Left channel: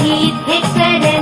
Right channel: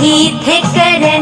रही थे कर